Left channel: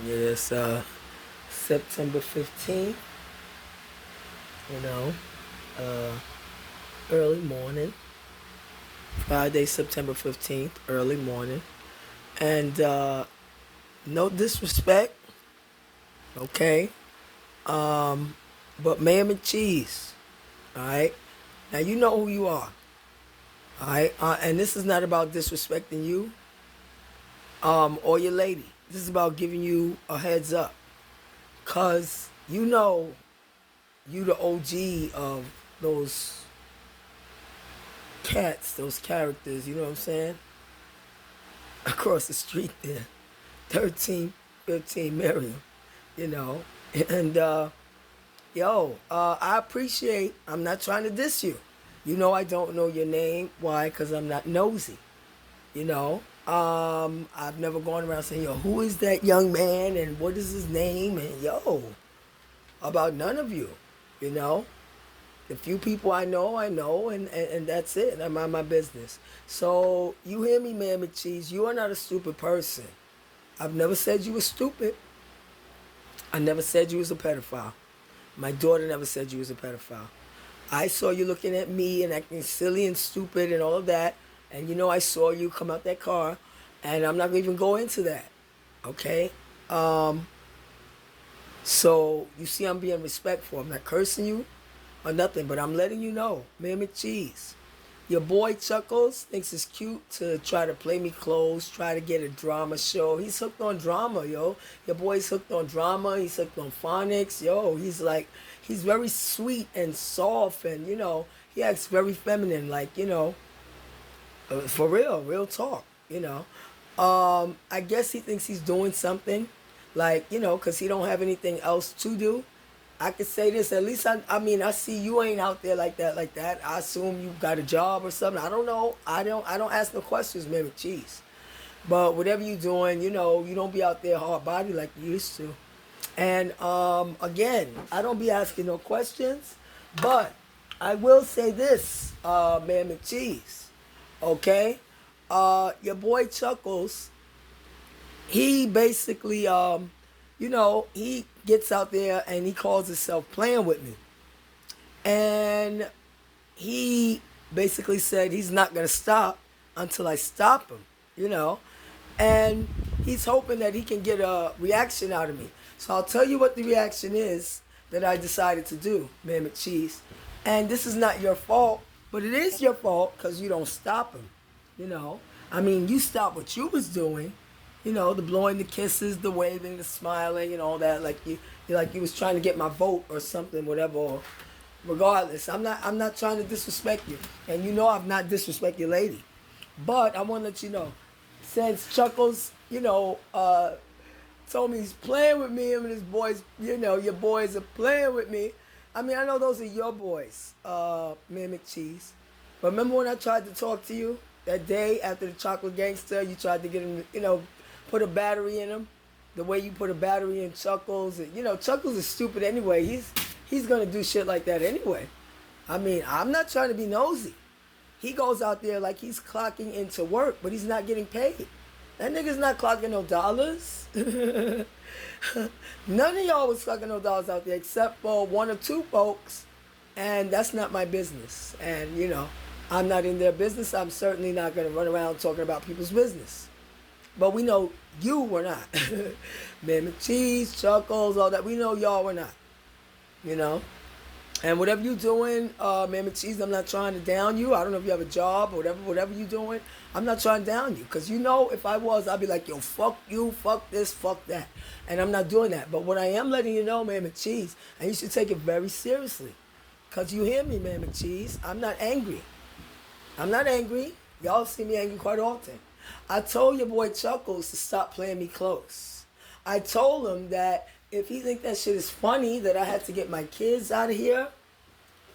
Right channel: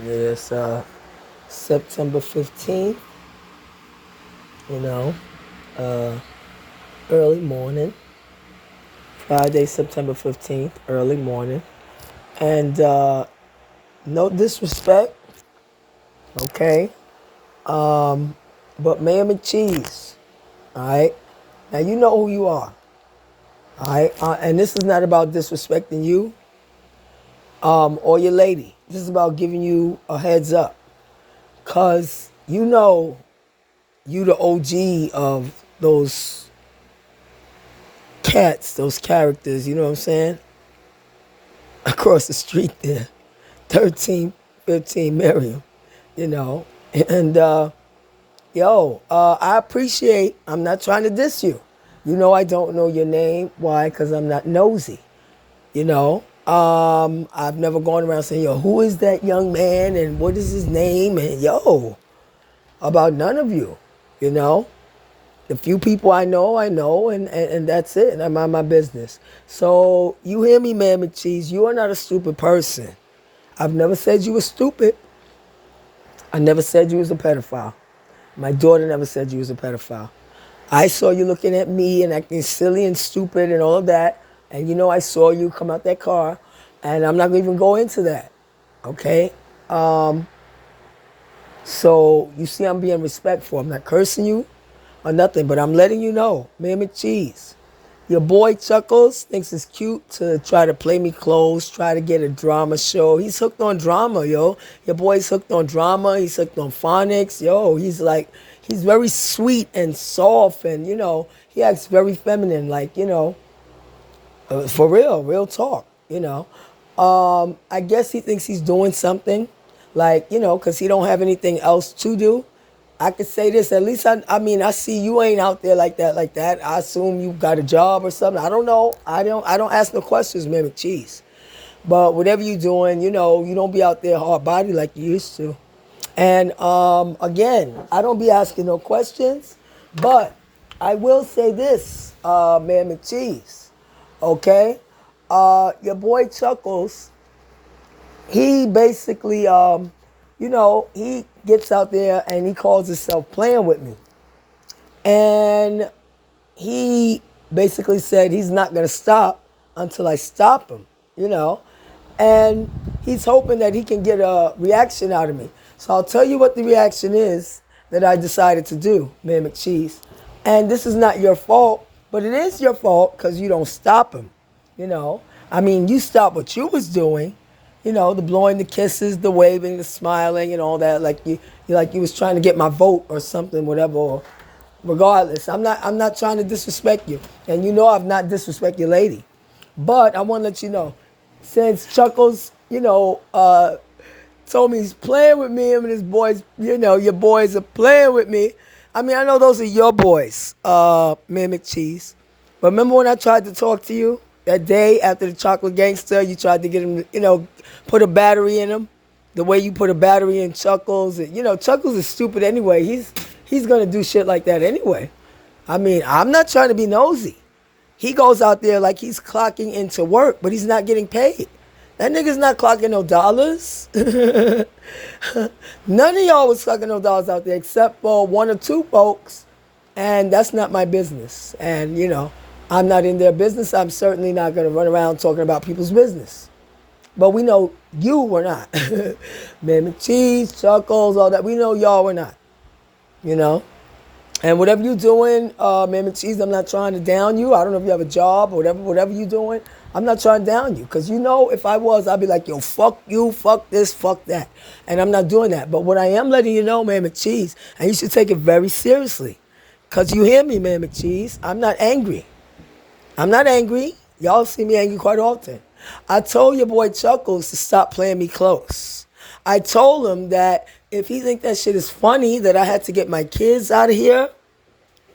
It's September 15th, you know, uh, early morning. Friday, September 15th, early morning. And no disrespect, okay? But Mayor Mccheese, all right? Now you know who you are, all right? And this is not about disrespecting you or your lady. This is about giving you a heads up. Because you know you the OG of those cats, those characters, you know what I'm saying? Across the street there. 13, 15 Miriam, you know. And I appreciate, I'm not trying to diss you. You know I don't know your name. Why? Because I'm not nosy, you know. I've never gone around saying, yo, who is that young man and what is his name? And about none of you, you know. The few people I know, and that's it. And I mind my business. So you hear me, man, McCheese. You are not a stupid person. I've never said you were stupid. I never said you was a pedophile. My daughter never said you was a pedophile. I saw you looking at me and acting silly and stupid and all of that. And you know I saw you come out that car. And I'm not going to even go into that. Okay? So you see I'm being respectful. I'm not cursing you or nothing, but I'm letting you know, man, McCheese. Your boy Chuckles thinks it's cute to try to play me close, try to get a drama show. He's hooked on drama, yo. Your boy's hooked on drama. He's hooked on phonics, yo. He's very sweet and soft, and he acts very feminine, like for real talk, I guess he thinks he's doing something, like because he don't have anything else to do. I could say this. At least I mean, I see you ain't out there like that, like that. I assume you got a job or something. I don't know. I don't ask no questions, man. McCheese. But whatever you doing, you don't be out there hard body like you used to. And again, I don't be asking no questions. But I will say this, man, McCheese. Okay, your boy Chuckles, he basically, he gets out there and he calls himself playing with me. And he basically said he's not going to stop until I stop him, you know. And he's hoping that he can get a reaction out of me. So I'll tell you what the reaction is that I decided to do, man McCheese. And this is not your fault, but it is your fault because you don't stop him, you know. I mean, you stopped what you was doing, the blowing the kisses, the waving, the smiling, and all that. Like you was trying to get my vote or something, whatever. Or regardless, I'm not trying to disrespect you, and I've not disrespect your lady, but I want to let you know, since Chuckles, told me he's playing with me, and his boys, your boys are playing with me. I mean, I know those are your boys, man McCheese. But remember when I tried to talk to you that day after the chocolate gangster? You tried to get him, put a battery in him, the way you put a battery in Chuckles. Chuckles is stupid anyway. He's gonna do shit like that anyway. I mean, I'm not trying to be nosy. He goes out there like he's clocking into work, but he's not getting paid. That nigga's not clocking no dollars. None of y'all was clocking no dollars out there except for one or two folks, and that's not my business. And I'm not in their business. I'm certainly not gonna run around talking about people's business. But we know you were not. Man, McCheese, Chuckles, all that. We know y'all were not. You know? And whatever you doing, man, McCheese, I'm not trying to down you. I don't know if you have a job or whatever you doing. I'm not trying to down you. Because if I was, I'd be like, yo, fuck you, fuck this, fuck that. And I'm not doing that. But what I am letting you know, man, McCheese, and you should take it very seriously. Because you hear me, man, McCheese, I'm not angry. I'm not angry. Y'all see me angry quite often. I told your boy Chuckles to stop playing me close. I told him that if he think that shit is funny, that I had to get my kids out of here.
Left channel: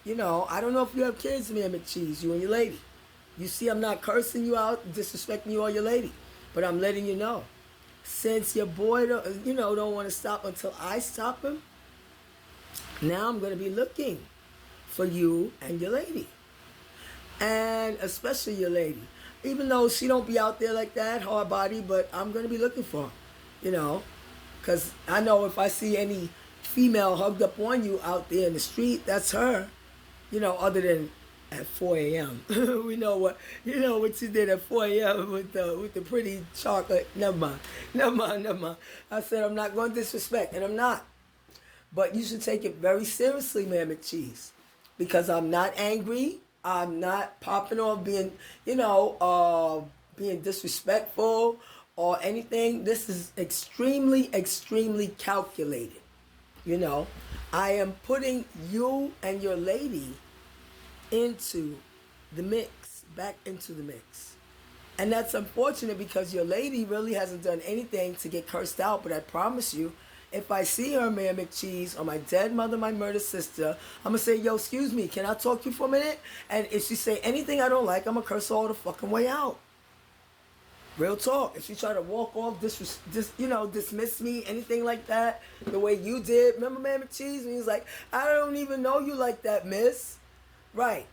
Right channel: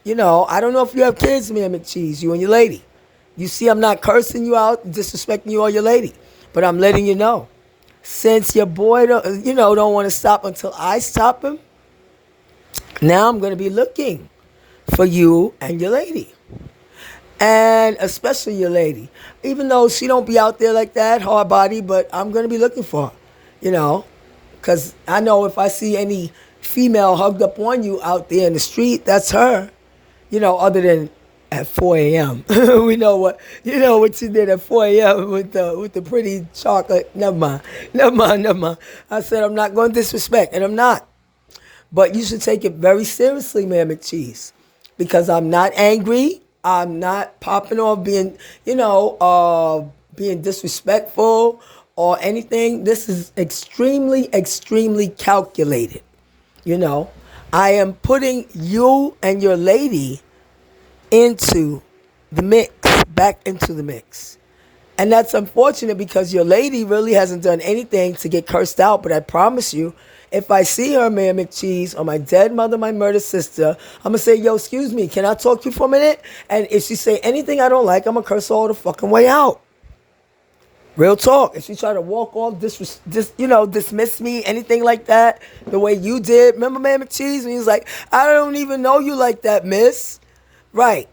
I don't know if you have kids, man, McCheese, you and your lady. You see, I'm not cursing you out, disrespecting you or your lady. But I'm letting you know. Since your boy don't want to stop until I stop him, now I'm going to be looking for you and your lady. And especially your lady. Even though she don't be out there like that, hard body, but I'm going to be looking for her, Because I know if I see any female hugged up on you out there in the street, that's her. Other than at 4 a.m. We know what she did at 4 a.m. with the pretty chocolate. Never mind. Never mind, never mind. I said I'm not going to disrespect, and I'm not. But you should take it very seriously, man, Mccheese. Because I'm not angry. I'm not popping off being disrespectful or anything. This is extremely, extremely calculated. I am putting you and your lady into the mix, back into the mix. And that's unfortunate because your lady really hasn't done anything to get cursed out. But I promise you, if I see her, Mayor McCheese, or my dead mother, my murdered sister, I'm going to say, yo, excuse me, can I talk to you for a minute? And if she say anything I don't like, I'm going to curse her all the fucking way out. Real talk. If she try to walk off, dismiss me, anything like that, the way you did. Remember, Mayor McCheese, when he was like, I don't even know you like that, miss. Right.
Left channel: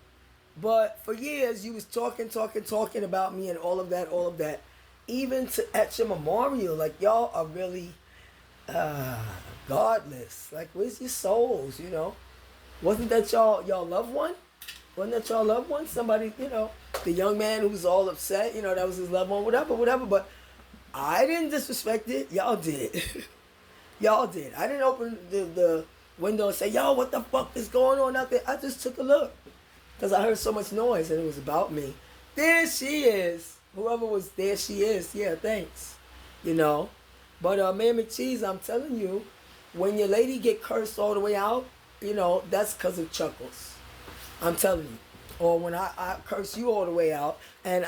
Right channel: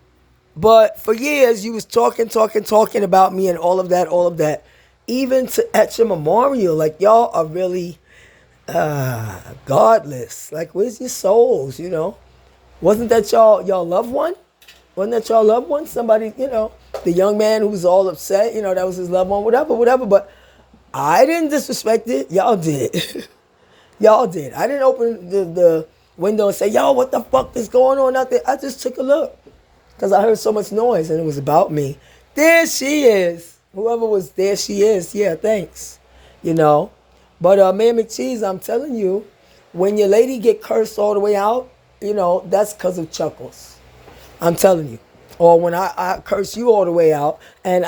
But for years, you was talking about me and all of that. Even at your memorial, like, y'all are really godless. Like, where's your souls, Wasn't that y'all loved one? Wasn't that y'all loved one? Somebody, the young man who was all upset, that was his loved one, whatever. But I didn't disrespect it. Y'all did. Y'all did. I didn't open the window and say, yo, what the fuck is going on out there? I just took a look. Because I heard so much noise and it was about me. There she is. Whoever was there, she is. Yeah, thanks. But man, Mccheese, I'm telling you, when your lady get cursed all the way out, that's because of Chuckles. I'm telling you. Or when I curse you all the way out. And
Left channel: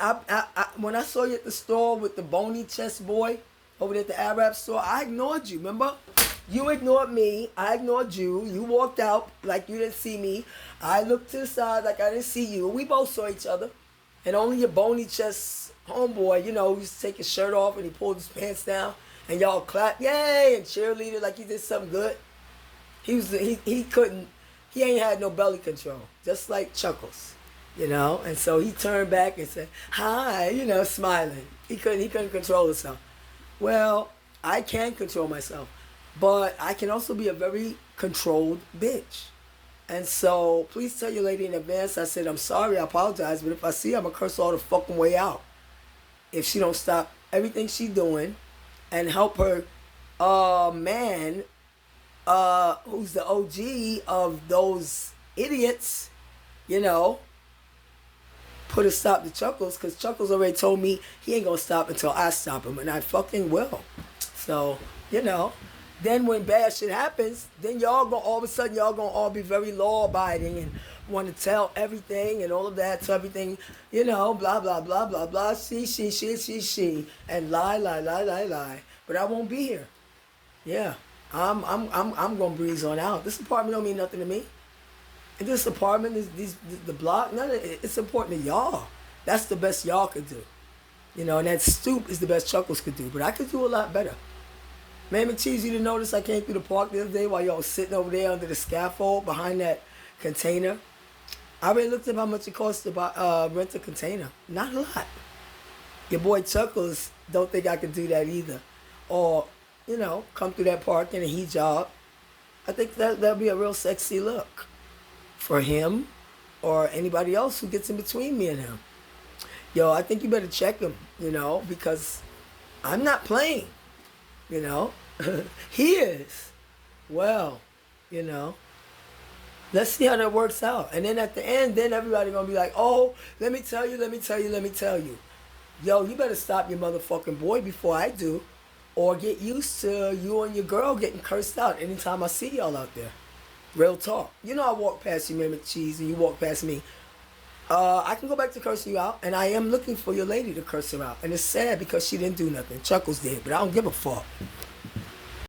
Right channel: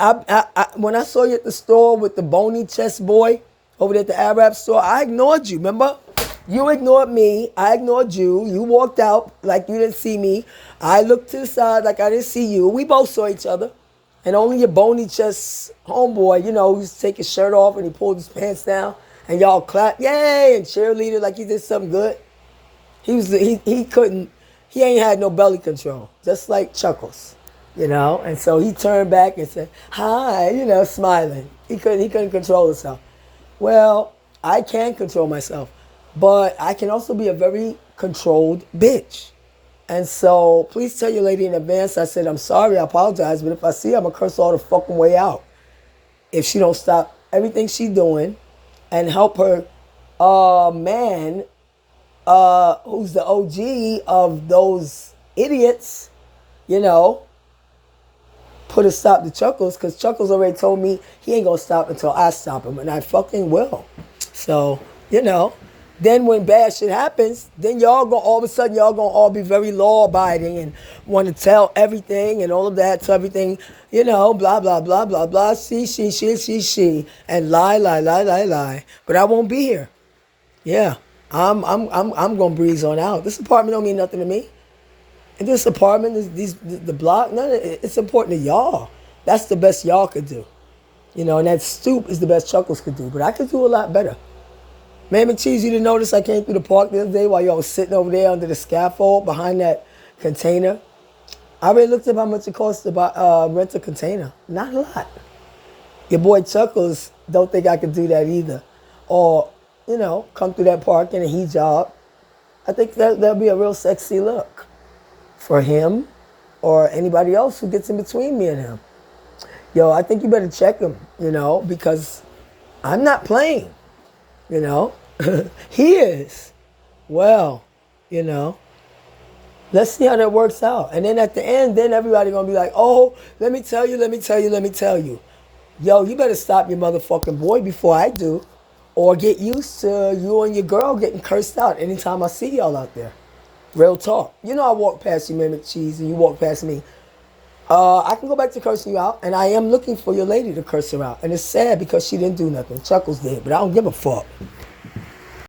when I saw you at the store with the bony chest boy over there at the Arab store, I ignored you, remember? You ignored me. I ignored you. You walked out like you didn't see me. I looked to the side like I didn't see you. We both saw each other. And only your bony chest homeboy, who used to take his shirt off and he pulled his pants down. And y'all clapped, yay, and cheerleader like he did something good. He ain't had no belly control. Just like Chuckles, And so he turned back and said, hi, smiling. He couldn't control himself. Well, I can control myself. But I can also be a very controlled bitch. And so please tell your lady in advance, I said, I'm sorry, I apologize, but if I see her, I'm going to curse her all the fucking way out. If she don't stop everything she doing and help her man, who's the OG of those idiots, put a stop to Chuckles, because Chuckles already told me he ain't going to stop until I stop him, and I fucking will. So, then when bad shit happens, then all of a sudden y'all gonna all be very law abiding and want to tell everything and all of that, so everything, blah blah blah blah blah, she, and lie. But I won't be here. Yeah, I'm gonna breeze on out. This apartment don't mean nothing to me. And this apartment, the block, none of it, it's important to y'all. That's the best y'all could do. And that stoop is the best Chuckles could do. But I could do a lot better. Man, Mccheese, you didn't notice I came through the park the other day while y'all was sitting over there under the scaffold behind that container? I already looked up how much it costs to rent a container. Not a lot. Your boy Chuckles don't think I could do that either. Or, come through that park in a hijab. I think that'll be a real sexy look for him or anybody else who gets in between me and him. Yo, I think you better check him, because I'm not playing. He is. Well, let's see how that works out. And then at the end, then everybody gonna be like, oh, let me tell you. Yo, you better stop your motherfucking boy before I do, or get used to you and your girl getting cursed out anytime I see y'all out there. Real talk. I walk past you, man, Mccheese, and you walk past me. I can go back to cursing you out, and I am looking for your lady to curse her out. And it's sad because she didn't do nothing. Chuckles did, but I don't give a fuck.